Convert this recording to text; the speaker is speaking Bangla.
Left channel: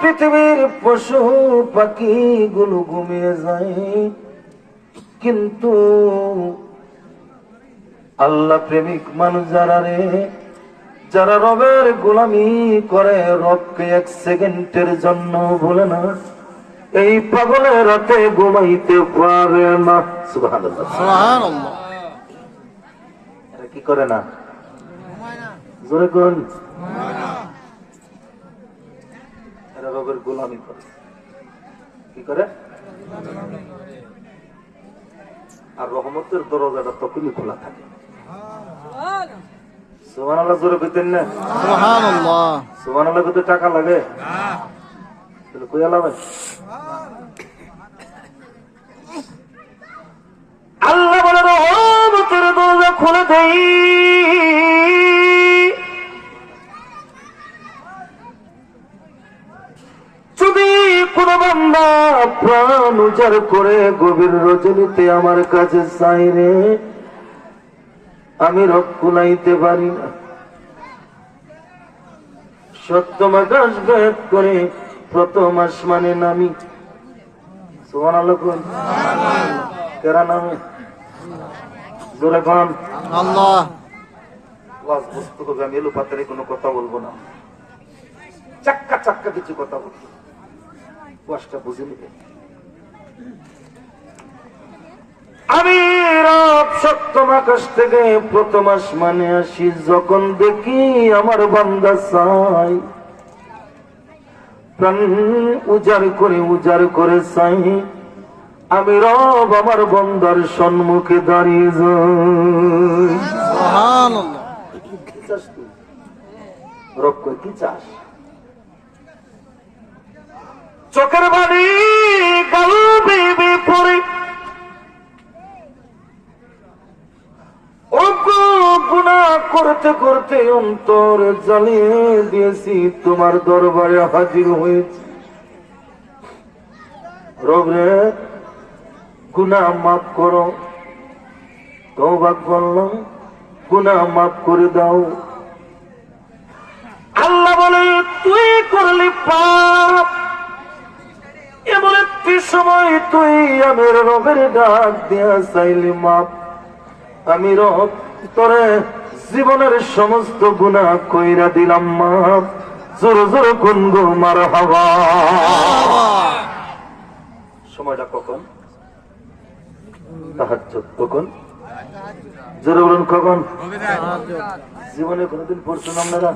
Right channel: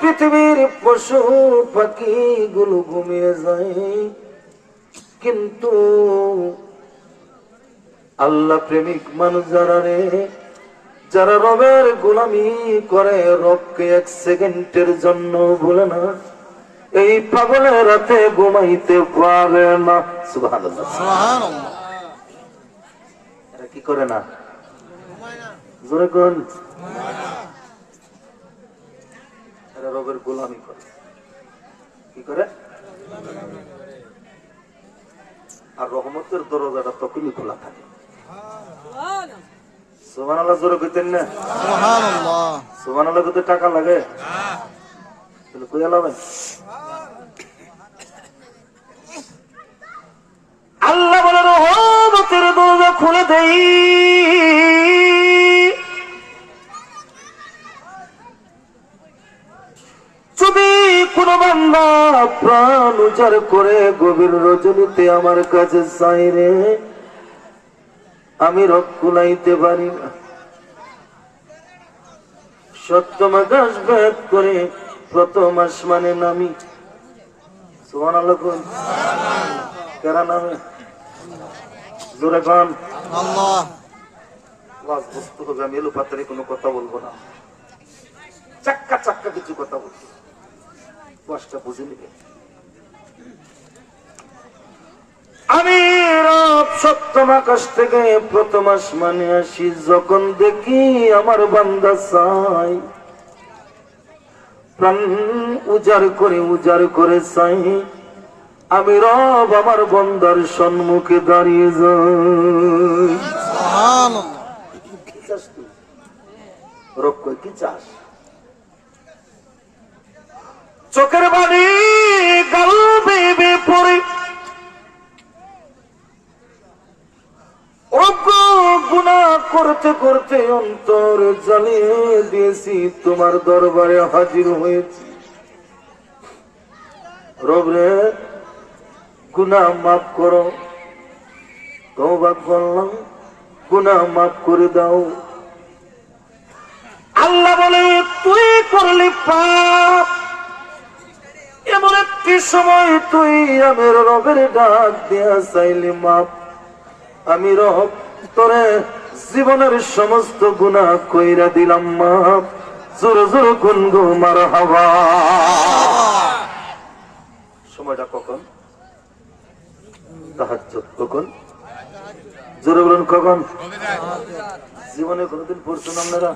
পৃথিবীর পশু পাখি গুলো ঘুমিয়ে যায়, কিন্তু আল্লাহ প্রেমিক মানুষ যারা রবের গোলামি করে, রবকে এক সেকেন্ডের জন্য ভুলে না, এই পাগলের রাতে ঘুমাইতে পারে না। সুবহানাল্লাহ, সুবহানাল্লাহ। এরা কি করে না? জোরে কোন? এরা রবের গোলামি করে। কি করে? আর রহমতের দরজাটা তখনই খোলা থাকে। সুবহানাল্লাহ, জোরে কইতেন না? সুবহানাল্লাহ। সুবহানাল্লাহ কত টাকা লাগে? তাহলে কই আলাবেন? আল্লাহ বলে রহমতের দরজা খুলে দেই, যদি কোন বান্দা প্রাণ উজাড় করে গভীর রজনীতে আমার কাছে চাই রে, আমি রব কুলাইতে পারি না। সপ্তম আকাশ ভেদ করে প্রথম আসমানে নামি। সুবহানাল্লাহ কোন? কেরা নামে? জোরে কোন? আল্লাহ। ওয়াজ বস্তু হবে, আমি এলো পাতারে কোনো কথা বলবো না, চাক্কা চাক্কা কিছু কথা বলবো, ওয়াজটা বুঝে নেবে। আমি রব সপ্তম আকাশ থেকে প্রথম আসমানে আসি, যখন দেখি আমার বান্দা চাই, প্রাণ উজাড় করে চাই, আমি রব আমার বান্দার সম্মুখে দাঁড়িয়ে যাই। সুবহানাল্লাহ। কি চাস তুই? রব কই কি চাস? চোখের বাণী গাল বেবে পড়ে, গুনাহ করতে করতে অন্তর জ্বালিয়ে দিয়েছি, তোমার দরবারে হাজির হয়েছি। রব রে, গুনাহ মাফ করো, তওবা করলাম, গুনাহ মাফ করে দাও। আল্লাহ বলে তুই করলি পাপ, এমন একটি সময় তুই আমার রবের ডাক দেয়া চাইলি মাপ, আমি রব তোরে জীবনের সমস্ত গুনাহ কইরা দিলাম মাপ। জোর জোর কোন গো মারহাবা। সময়টা কখন? তাহাজ্জুদ। কখন? জোরে বলুন কখন? জীবনে কোনদিন পড়ছেন আপনারা?